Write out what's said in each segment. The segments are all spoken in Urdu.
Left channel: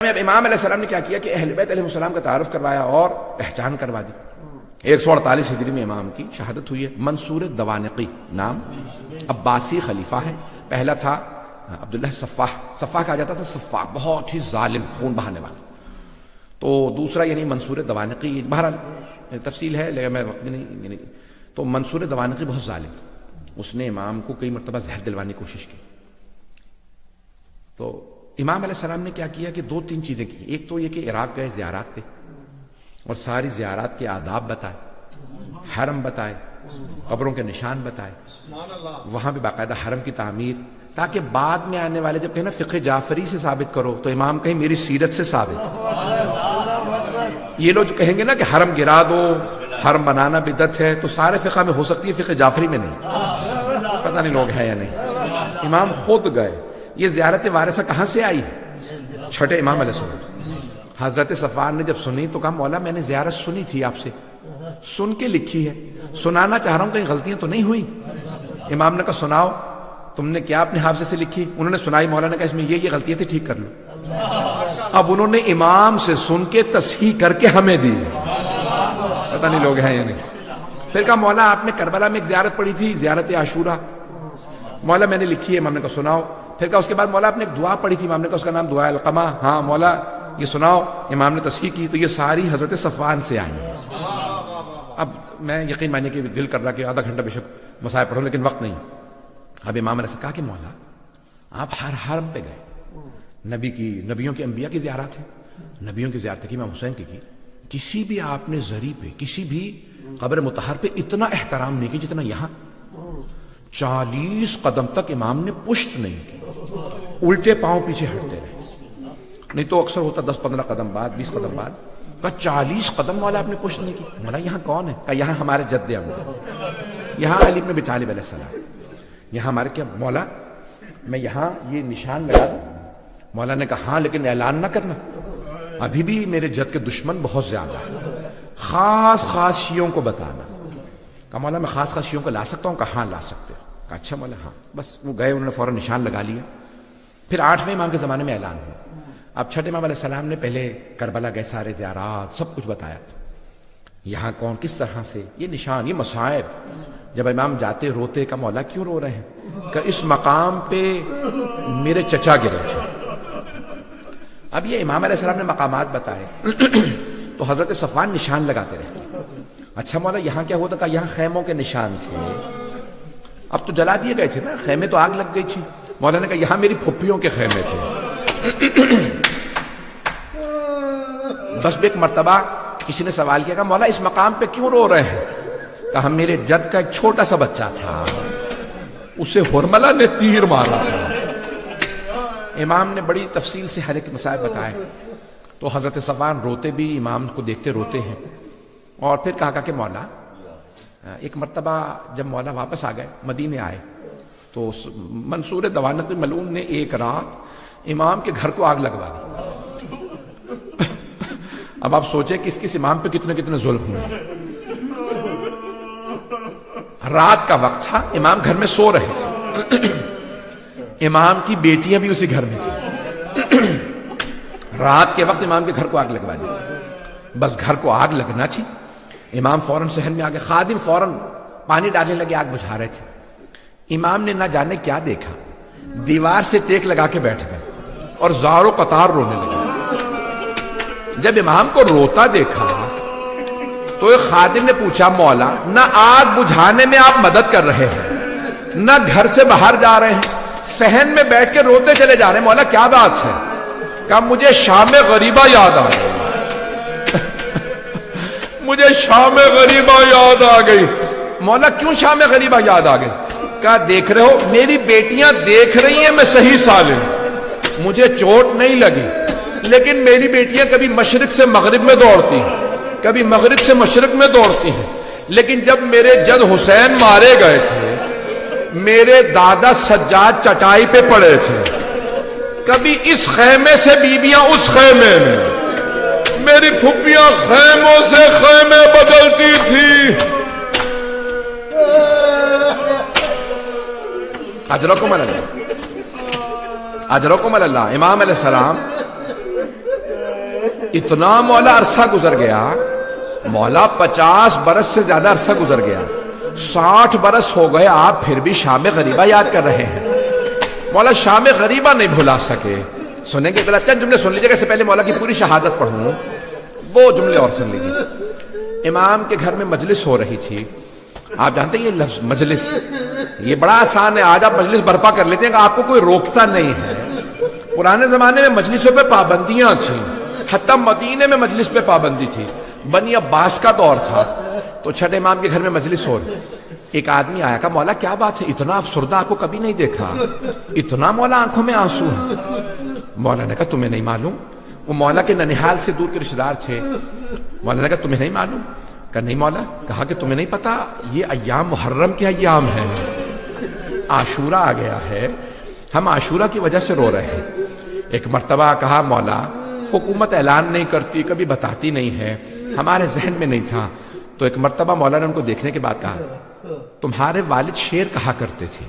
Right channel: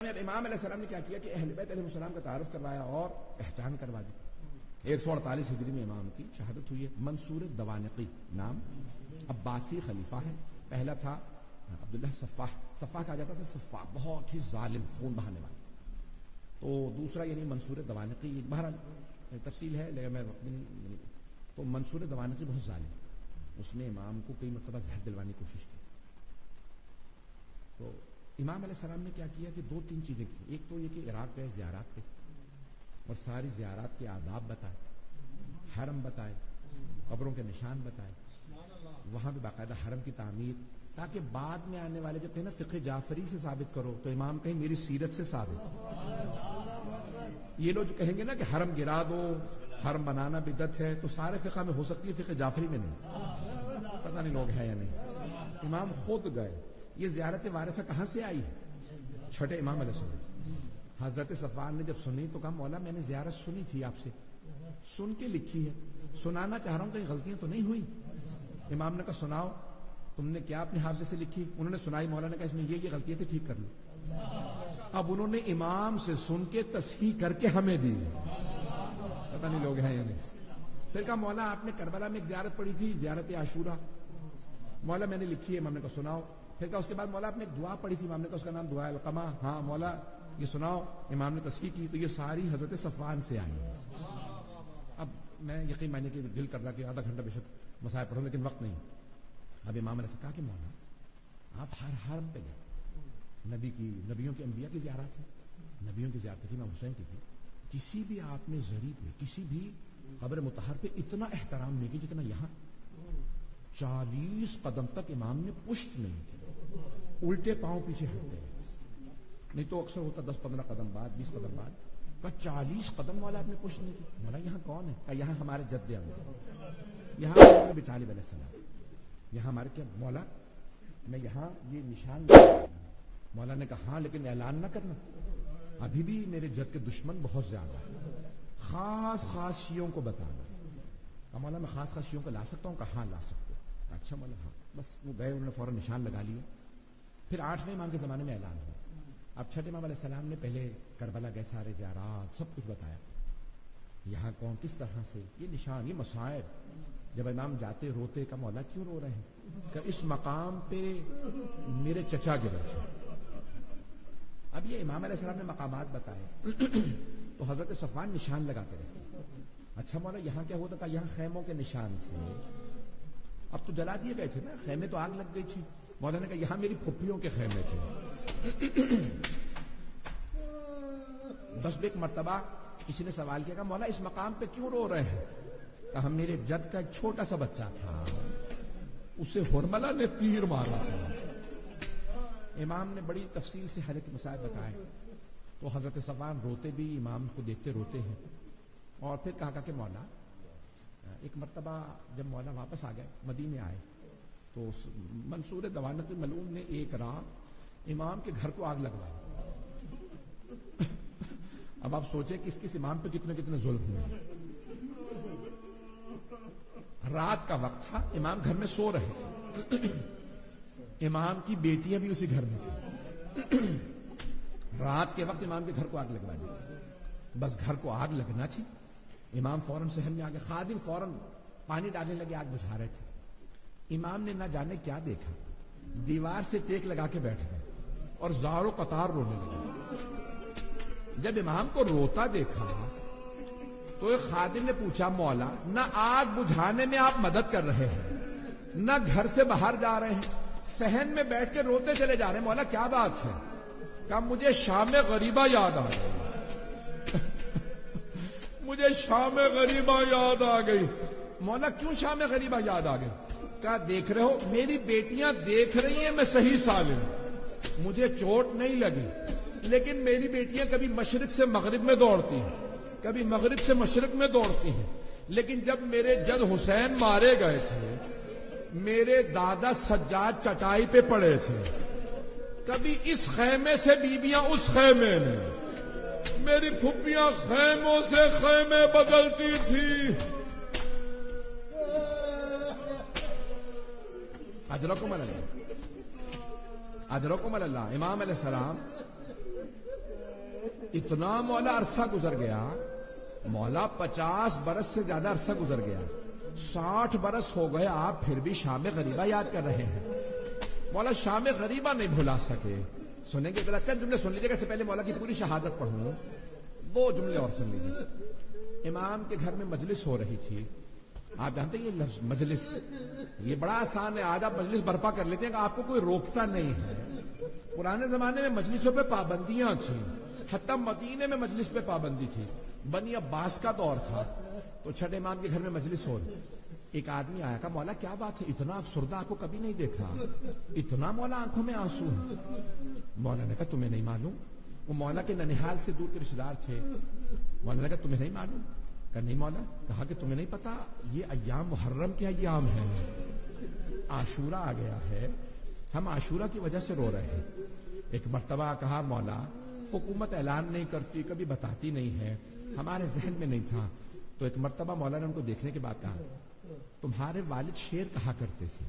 اب امام علیہ السلام نے کیا کیا کہ اہل بیت علیہ السلام کا تعارف کروایا اور پہچان کروا دی۔ 148 ہجری میں امام کی شہادت ہوئی ہے۔ منصور دوانقی نام، عباسی خلیفہ ہے۔ پہلا تھا عبداللہ صفاح، صفاح کہا جاتا تھا، صفاح بہت ہی ظالم، خون بہانے والا۔ تو دوسرا یعنی منصور دوانقی، بہرحال تفصیل ہے لیکن میں وقت میں نہیں، یعنی تو منصور دوانقی بہت ظالم تھا، اس نے امام کو کئی مرتبہ زہر دلوانے کی کوشش کی۔ تو امام علیہ السلام نے کیا کیا کہ 2-3 چیزیں کی۔ ایک تو یہ کہ عراق گئے زیارات پہ اور ساری زیارات کے آداب بتائے، حرم بتائے، قبروں کے نشان بتائے، وہاں پہ باقاعدہ حرم کی تعمیر، تاکہ بعد میں آنے والے جب کہیں نا فقہ جعفری سے ثابت کرو تو امام کہیں میری سیرت سے ثابت۔ یہ لوگ جو کہیں گے نا کہ حرم گرا دو، حرم بنانا بدعت ہے، تو سارے فقہ میں ہو سکتی ہے، فقہ جعفری میں نہیں۔ پتہ نہیں لوگ ہیں یا نہیں۔ امام خود گئے۔ یہ زیارت وارثہ کہاں سے آئی؟ چھٹے امام علیہ السلام۔ حضرت صفوان نے جب سنی تو کہا مولا میں نے زیارت سنی تھی آپ سے، سن کے لکھی ہے، سنانا چاہ رہا ہوں، کہیں غلطیاں تو نہیں ہوئی؟ امام نے کہا سناؤ، تم نے کیا اپنے حافظے سے لکھی؟ انہوں نے سنائی۔ مولا نے کہا اس میں یہ غلطیاں تھی، ٹھیک کر لو۔ اب انہوں نے امام سے سن کے تصحیح کر کے ہمیں دی۔ پتہ نہیں لوگ ہیں یا نہیں۔ پھر کہا مولا آپ نے کربلا میں ایک زیارت پڑھی تھی، زیارت عاشورہ، مولا میں نے لکھی ہے۔ امام نے کہا سناؤ۔ پھر کہا اس کے بعد مولا آپ نے ایک دعا پڑھی تھی، امام نے کہا اس کا نام دعا القمہ، ہاں مولا یہ سناؤ۔ امام نے تصحیح کی۔ تو یہ ساری حضرت صفوان سے آئی۔ اب میں یقین مانیے کہ دل کر رہا کہ آدھا گھنٹہ بے شک مسائل پڑھوں، لیکن وقت نہیں۔ اب امام نے کہا کہ مولا آپ ہر حرم پہ گئے، نبیوں کے انبیاء کی زیارت ہے، نبیوں کی زیارت کی، امام حسین کی، کسی بھی آپ نے زری پہ، کسی بھی قبر مطہر پہ اتنا احترام نہیں کی جتنا یہاں۔ 40 قدم تک امام نے پشت نہیں کی، الٹے پاؤں پیچھے ہٹتے رہے، نہیں تو اکثر ہوتا 10-15 قدم بعد، 20 قدم بعد۔ کہا 40 قدم مولا آپ نے پشت نہیں کی۔ مولا یہاں کون ہے؟ کہا یہاں ہمارے جد امجد، یہاں علی بن ابی طالب علیہ السلام، یہاں ہمارے کیا مولا میں یہاں یہ نشان لگا۔ مولا نے کہا ہاں لیکن اعلان نہ کرنا، ابھی بھی میرے جد کے دشمن بہت زیادہ ہیں، خاص شیعوں کو بتانا۔ کہا مولا میں خاص شیعوں کو لا سکتا ہوں؟ کہا ہاں لا سکتے ہو۔ کہا اچھا مولا ہاں۔ بس وہ گئے، انہوں نے فوراً نشان لگا لیا۔ پھر 8ویں امام کے زمانے میں اعلان ہوا۔ اب چھٹے امام علیہ السلام نے پہلے کربلا گئے، سارے زیارات سب کچھ بتایا، یہاں کون کس طرح سے، یہ نشان، یہ مصائب۔ جب امام جاتے روتے، کہا مولا کیوں رو رہے ہیں؟ کہ اس مقام پہ میرے چچا گرے تھے۔ اب یہ امام علیہ السلام نے مقامات بتائے تو حضرت صفوان نشان لگاتے رہے۔ اچھا مولا یہاں کیا ہوتا؟ کہا یہاں خیموں کے نشان تھے، اب تو جلا دیے گئے تھے نا، خیمے تو آگ لگ گئی تھی۔ مولا نے کہا یہاں میری پھپھیوں کے خیمے تھے۔ بس ایک مرتبہ کسی نے سوال کیا، کہا مولا اس مقام پہ کیوں رو رہے ہیں؟ کہا میرے جد کا ایک چھوٹا سا بچہ تھا، اسے ہرملہ نے تیر مارا تھا۔ امام نے بڑی تفصیل سے ہر ایک مسائل بتائے۔ تو حضرت صفوان روتے بھی، امام کو دیکھتے روتے ہیں۔ اور پھر کہا کہ مولا ایک مرتبہ جب مولا واپس آ گئے، مدینے آئے، تو منصور دوانقی ملعون نے ایک رات امام کے گھر کو آگ لگوا دی۔ اب آپ سوچیں کہ اس امام پہ کتنے ظلم ہوئے۔ رات کا وقت تھا، امام گھر میں سو رہے تھے، امام کی بیٹیاں بھی اسی گھر میں تھیں۔ رات کے وقت امام کے گھر کو آگ لگوا دی۔ بس گھر کو آگ لگنا تھی، امام فوراً صحن میں آگے، خادم فوراً پانی ڈالنے لگے، آگ بجھا رہے تھے۔ امام نے نہ جانے کیا دیکھا، دیوار سے ٹیک لگا کے بیٹھ گئے اور زار و قطار رونے لگے۔ جب امام کو روتا دیکھا تو ایک خادم نے پوچھا مولا نہ آگ بجھانے میں آپ مدد کر رہے ہیں، نہ گھر سے باہر جا رہے ہیں، صحن میں بیٹھ کے روتے چلے جا رہے ہیں، مولا کیا بات ہے؟ کہا مجھے شام غریبہ یاد آ گئی، مجھے شام غریبہ یاد آ گئی۔ مولا کیوں شام غریبہ یاد آ گئی؟ کہا دیکھ رہے ہو میری بیٹیاں دیکھ رہی ہیں میں صحیح سالم، مجھے چوٹ نہیں لگی، لیکن میری بیٹیاں کبھی مشرق سے مغرب میں دوڑتی ہیں، کبھی مغرب سے مشرق میں دوڑتی ہیں، لیکن جب میرے جد حسین مارے گئے تھے، میرے دادا سجاد چٹائی پہ پڑے تھے، کبھی اس خیمے سے بیویاں اس خیمے میں، میری پھپھیاں خیموں سے خیمے بدلتی تھی۔ اجرکم اللہ، اجرکم اللہ۔ امام علیہ السلام اتنا مولا عرصہ گزر گیا، مولا 50 برس سے زیادہ عرصہ گزر گیا، 60 برس ہو گئے، آپ پھر بھی شام غریبہ یاد کر رہے ہیں۔ مولا شام غریبہ نہیں بھلا سکے۔ سنیں گے ذرا چند جملے سن لیجیے، اس سے پہلے مولا کی پوری شہادت پڑھوں، وہ جملے اور سن لیجیے۔ امام کے گھر میں مجلس ہو رہی تھی۔ آپ جانتے ہیں یہ لفظ مجلس، یہ بڑا آسان ہے، آج آپ مجلس برپا کر لیتے ہیں کہ آپ کو کوئی روکتا نہیں ہے۔ پرانے زمانے میں مجلسوں پہ پابندیاں تھیں، حتیٰ مدینے میں مجلس پہ پابندی تھی۔ بنی عباس کا دور تھا، تو چھٹے امام کے گھر میں مجلس ہو رہی۔ ایک آدمی آیا، کہا مولا کیا بات ہے، اتنا افسردہ آپ کو کبھی نہیں دیکھا، اتنا مولا آنکھوں میں آنسو ہے۔ مولا نے کہا تمہیں نہیں معلوم؟ وہ مولا کے ننیحال سے دور کے رشتہ دار تھے۔ مولا نے کہا تمہیں نہیں معلوم؟ کہا نہیں مولا۔ کہا کہ تمہیں نہیں پتا یہ ایام محرم کے ایام ہیں، عاشورہ آ گیا ہے، ہم عاشورہ کی وجہ سے رو رہے ہیں۔ ایک مرتبہ کہا مولا حکومت اعلان نہیں کرتی، کبھی بتاتی نہیں ہے، ہمارے ذہن میں نہیں تھا۔ تو ایک مرتبہ مولا نے ان کو دیکھنے کے بعد کہا تمہارے والد شعر کہا کرتے تھے،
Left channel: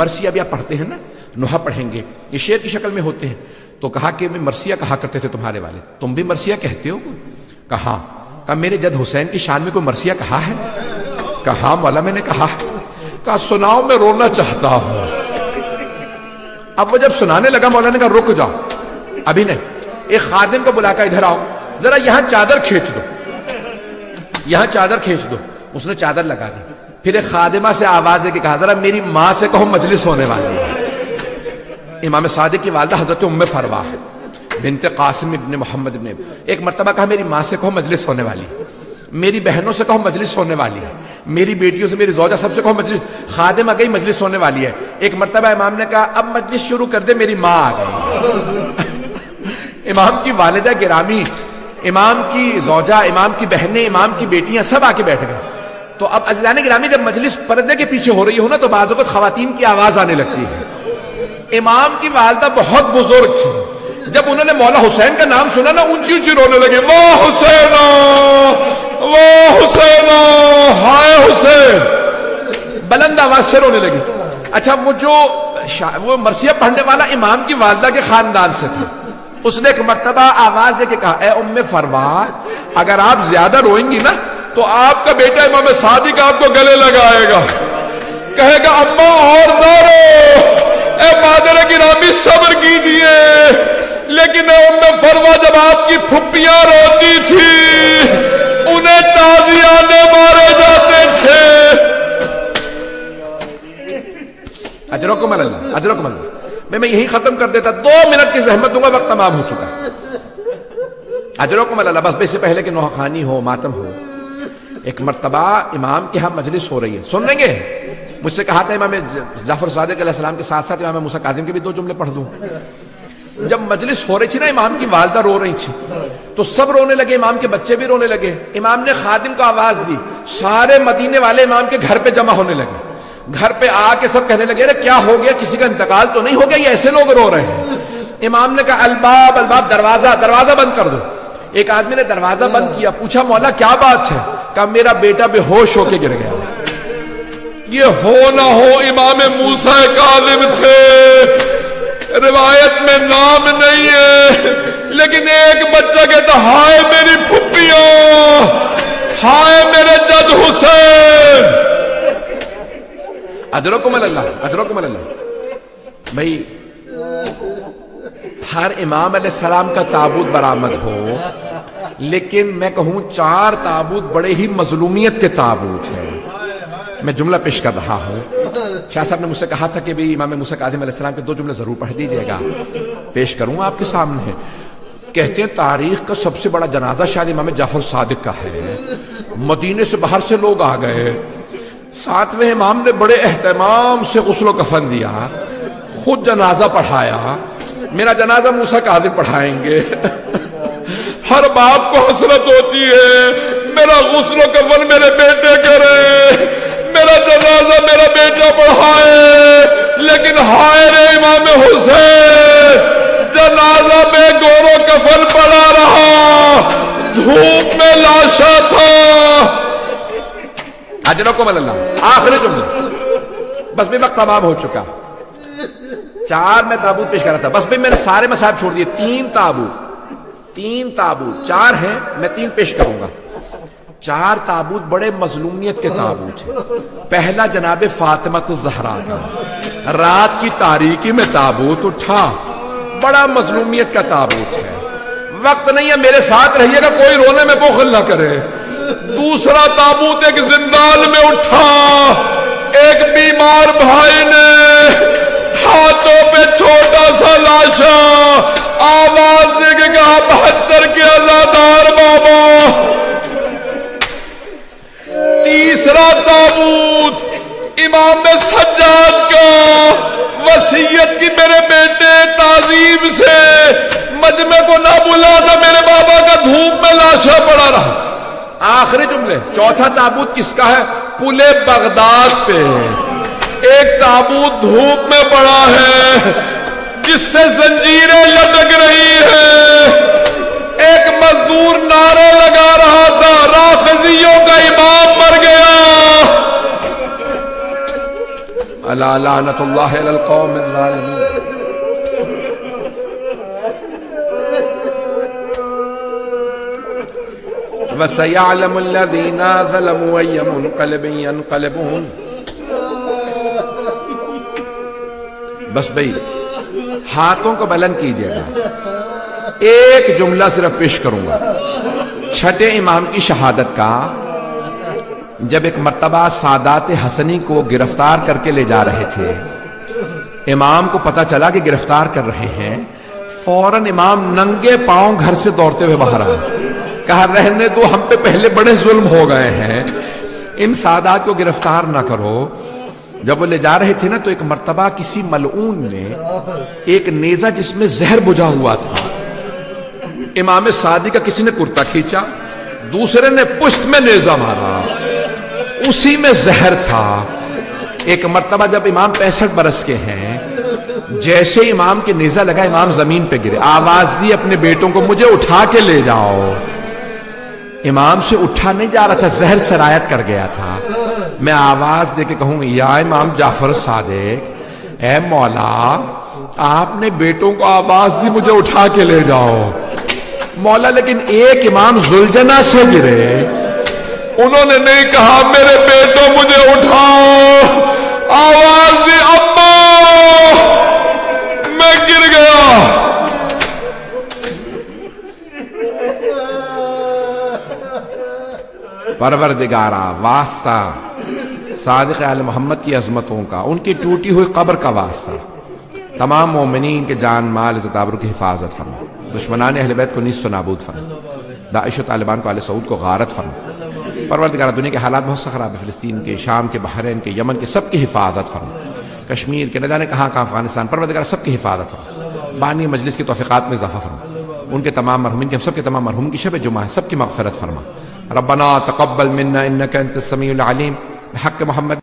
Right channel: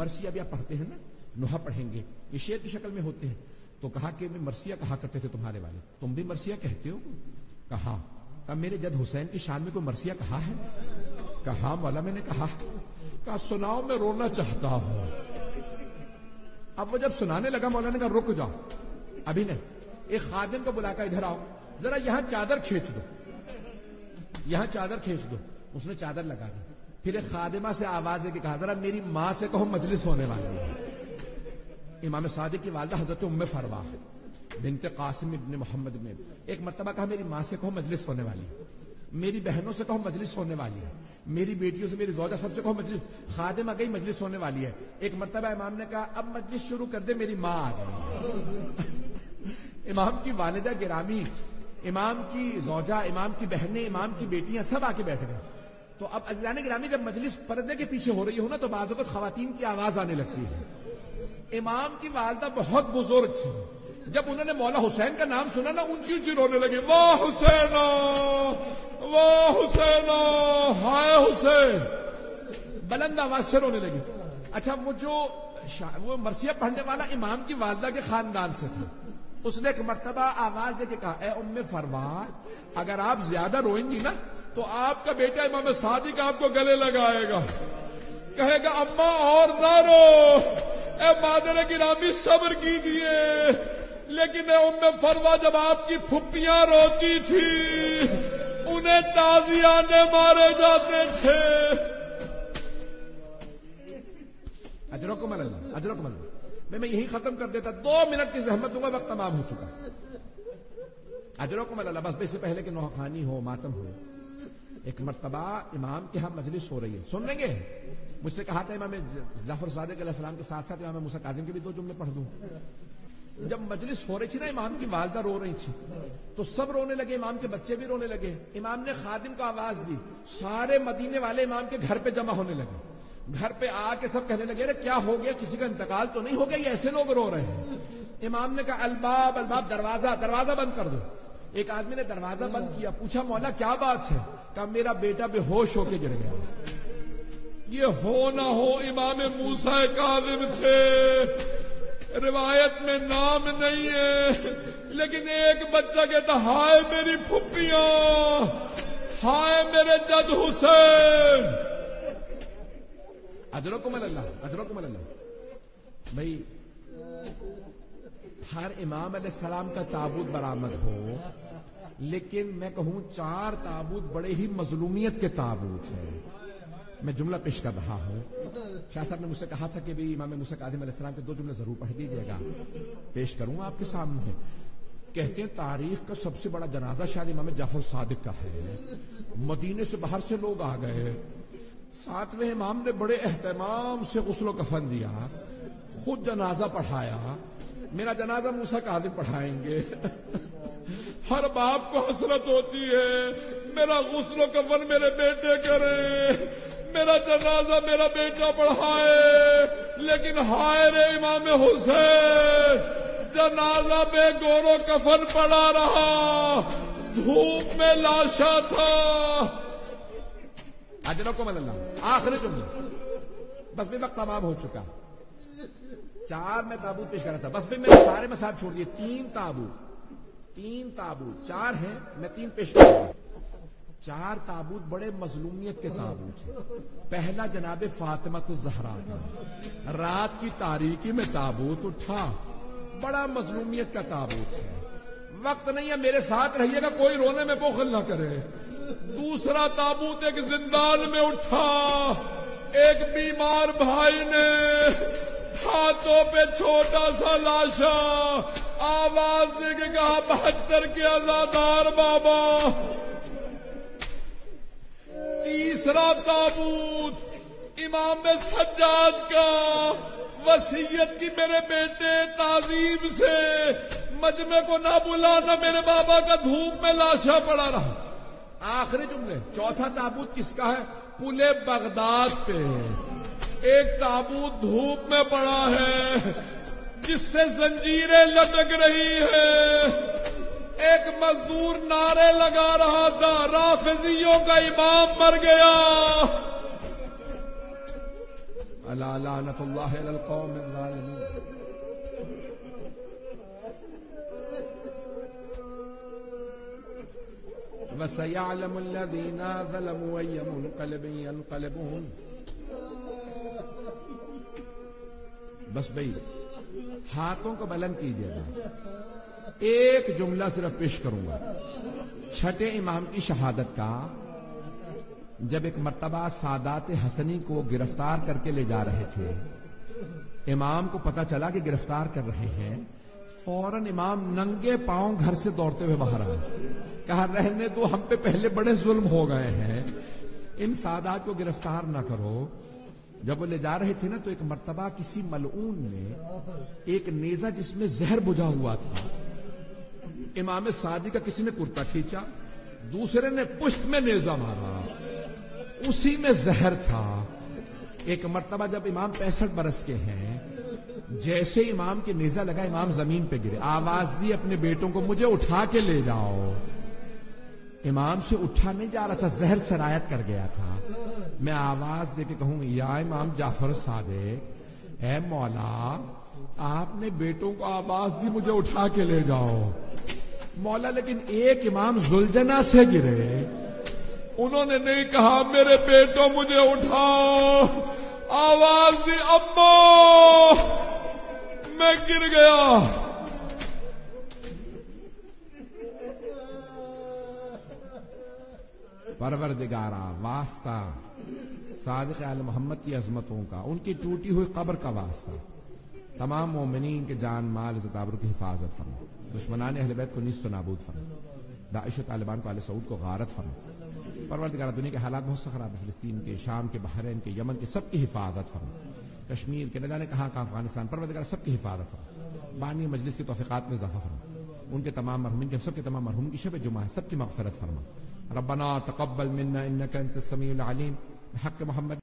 مرثیہ بھی آپ پڑھتے ہیں نا، نوحہ پڑھیں گے، یہ شعر کی شکل میں ہوتے ہیں۔ تو کہا کہ مرثیہ کہا کرتے تھے تمہارے والد، تم بھی مرثیہ کہتے ہو؟ کہا میرے جد حسین کی شان میں کوئی مرثیہ کہا ہے؟ کہا مولا میں نے کہا۔ کہا سناؤ میں رونا چاہتا ہوں۔ اب وہ جب سنانے لگا مولا نے کہا رک جاؤ ابھی نہیں، ایک خادم کو بلا کر ادھر آؤ، ذرا یہاں چادر کھینچ دو، یہاں چادر کھینچ دو۔ اس نے چادر لگا دی، پھر ایک خادمہ سے آواز دے کے کہا ذرا میری ماں سے کہو مجلس ہونے والی ہے۔ امام صادق کی والدہ حضرت ام فروا بنت قاسم ابن محمد ابن، ایک مرتبہ کہا میری ماں سے کہو مجلس ہونے والی ہے، میری بہنوں سے کہو مجلس ہونے والی ہے، میری بیٹیوں سے، میری زوجہ سب سے کہو مجلس، خادم آ گئی مجلس ہونے والی ہے۔ ایک مرتبہ امام نے کہا اب مجلس شروع کر دے، میری ماں آ گئی۔ امام کی والدہ گرامی، امام کی زوجہ، امام کی بہنیں، امام کی بیٹیاں سب آ کے بیٹھ گئے۔ تو اب عزیزان گرامی جب مجلس پردے کے پیچھے ہو رہی ہو نا تو بعض اوقات خواتین کی آواز آنے لگتی ہے۔ امام کی والدہ بہت بزرگ تھی، جب انہوں نے مولا حسین کا نام سنا نا اونچی اونچی رونے لگے، واہ حسین واہ حسین ہائے حسین، بلند آواز سے رونے لگے۔ اچھا وہ مرثیہ پڑھنے والا امام کی والدہ کے خاندان سے تھا، اس نے ایک مرتبہ آواز دے کے کہا اے ام فروا اگر آپ زیادہ روئیں گی نا تو آپ کا بیٹا امام صادق آپ کو گلے لگائے گا، کہے گا اماں اور نہ رو، اے مادر گرامی صبر کیجئے۔ لیکن اے ام فروا جب آپ کی پھپھیاں روتی تھی انہیں تازیانے مارے جاتے تھے۔ اجرکم اللہ، اجرکم اللہ۔ میں یہی ختم کر دیتا، 2 منٹ کی زحمت دوں گا، وقت تمام ہو چکا۔ اجرکم اللہ۔ بس اس سے پہلے کہ نوحہ خوانی ہو، ماتم ہو، ایک مرتبہ امام کے ہاں مجلس ہو رہی ہے، سن لیں گے؟ مجھ سے کہا تھا امام جعفر صادق علیہ السلام کے ساتھ ساتھ امام موسیٰ کاظم کے بھی 2 جملے پڑھ دوں۔ جب مجلس ہو رہی تھی نا، امام کی والدہ رو رہی تھی تو سب رونے لگے، امام کے بچے بھی رونے لگے۔ امام نے خادم کو آواز دی، سارے مدینے والے امام کے گھر پہ جمع ہونے لگے۔ گھر پہ آ کے سب کہنے لگے کیا ہو گیا، کسی کا انتقال تو نہیں ہو گیا، یہ ایسے لوگ رو رہے ہیں۔ امام نے کہا الباب الباب، دروازہ بند کر دو۔ ایک آدمی نے دروازہ بند کیا، پوچھا مولا کیا بات ہے؟ کہا میرا بیٹا بے ہوش ہو کے گر گیا۔ یہ ہو نہ ہو امام موسیٰ کاظم تھے، روایت میں نام نہیں ہے، لیکن ایک بچہ کہتا ہائے میری پھپھیاں، ہائے میرے جد حسین۔ اجرکم اللہ، اجرکم اللہ۔ بھائی ہر امام علیہ السلام کا تابوت برآمد ہو، لیکن میں کہوں 4 تابوت بڑے ہی مظلومیت کے تابوت ہیں۔ میں جملہ پیش کر رہا ہوں، شاہ صاحب نے مجھ سے کہا تھا کہ بھی امام موسیٰ کاظم علیہ السلام کے 2 جملے ضرور پڑھ دیجئے گا، پیش کروں آپ کے سامنے۔ کہتے ہیں تاریخ کا سب سے بڑا جنازہ شاید امام جعفر صادق کا ہے۔ مدینے سے باہر سے لوگ آ گئے، 7ویں امام نے بڑے اہتمام سے غسل و کفن دیا، خود جنازہ پڑھایا۔ میرا جنازہ موسیٰ کاظم پڑھائیں گے۔ ہر باپ کو حسرت ہوتی ہے میرا غسل و کفن میرے بیٹے کرے، میرا جنازہ میرا بیٹا پڑھائے، لیکن ہائے رے امام حسین، جنازہ میں گور و کفن پڑا رہا، دھوپ میں لاشا تھا۔ اجرکم اللہ۔ آخری جملہ، بس بھی وقت تمام ہو چکا۔ 4 میں تابوت پیش کر رہا تھا، بس بھی میں نے سارے مصاحب چھوڑ دیے، 3 تابوت۔ 3 تابوت، 4 ہیں، میں 3 پیش کروں گا۔ 4 تابوت بڑے مظلومیت کے تابوت ہیں۔ پہلا جناب فاطمہ الزہرا کا، رات کی تاریکی میں تابوت اٹھا، بڑا مظلومیت کا تابوت ہے، وقت نہیں ہے، میرے ساتھ رہیے گا، کوئی رونے میں بخل نہ کرے۔ دوسرا تابوت ایک زندان میں اٹھا، ایک بیمار بھائی نے ہاتھوں پہ چھوٹا سا لاشا، آواز دے کے کہا 72 کے عزادار بابا۔ تیسرا تابوت امام سجاد کا، وصیت کی میرے بیٹے تعظیم سے مجمع کو نہ بلانا، میرے بابا کا دھوپ میں لاشا پڑا رہا۔ آخری جملے۔ چوتھا تابوت کس کا ہے؟ پل بغداد پہ ایک تابوت دھوپ میں پڑا ہے جس سے زنجیریں لٹک رہی ہیں۔ ایک مزدور نعرے لگا رہا تھا، رافضیوں کا امام مر گیا۔ الا لعنت اللہ علی القوم الظالمین۔ وَسَيَعْلَمُ الَّذِينَ ظَلَمُوا أَيَّ مُنْقَلِبٍ يَنْقَلِبُونَ۔ بس بھئی ہاتھوں کو بلند کیجئے گا، ایک جملہ صرف پیش کروں گا۔ چھٹے امام کی شہادت کا، جب ایک مرتبہ سادات حسنی کو گرفتار کر کے لے جا رہے تھے، امام کو پتا چلا کہ گرفتار کر رہے ہیں، فوراً امام ننگے پاؤں گھر سے دوڑتے ہوئے باہر آئے، کہا رہنے دو، ہم پہ پہلے بڑے ظلم ہو گئے ہیں، ان سادات کو گرفتار نہ کرو۔ جب وہ لے جا رہے تھے نا، تو ایک مرتبہ کسی ملعون نے ایک نیزہ جس میں زہر بجھا ہوا تھا، امام صادق کا کسی نے کرتا کھینچا، دوسرے نے پشت میں نیزہ مارا، اسی میں زہر تھا۔ ایک مرتبہ جب امام 65 برس کے ہیں، جیسے امام کے نیزہ لگا، امام زمین پہ گرے، آواز دی اپنے بیٹوں کو مجھے اٹھا کے لے جاؤ۔ امام سے اٹھا نہیں جا رہا تھا، زہر سرایت کر گیا تھا۔ میں آواز دے کے کہوں یا امام جعفر صادق، اے مولا آپ نے بیٹوں کو آواز دی مجھے اٹھا کے لے جاؤ۔ مولا لیکن ایک امام ذوالجنہ سے گرے، انہوں نے نہیں کہا میرے بیٹوں مجھے اٹھاؤ، آواز دی اماں میں گر گیا۔ پروردگارا واسطہ صادق آل محمد کی عظمتوں کا، ان کی ٹوٹی ہوئی قبر کا واسطہ، تمام مومنین کے جان مال عزت آبرو کی حفاظت فرما، دشمنان اہل بیت کو نیست و نابود فرما، داعش و طالبان کو آل سعود کو غارت فرما۔ پروردگارہ دنیا کے حالات بہت سے خراب ہے، فلسطین کے، شام کے، بحرین کے، یمن کے، سب کی حفاظت فرما، کشمیر کے، نہ جانے کہاں کہاں، افغانستان، پروردگارہ سب کی حفاظت فرما، بانی مجلس کی توفیقات میں اضافہ فرما، ان کے تمام مرحومین کے، ہم سب کے تمام مرحومین کی شب جمعہ ہے، سب کی مغفرت فرما۔ ربنا تقبل منا انك انت السميع العليم بحق محمد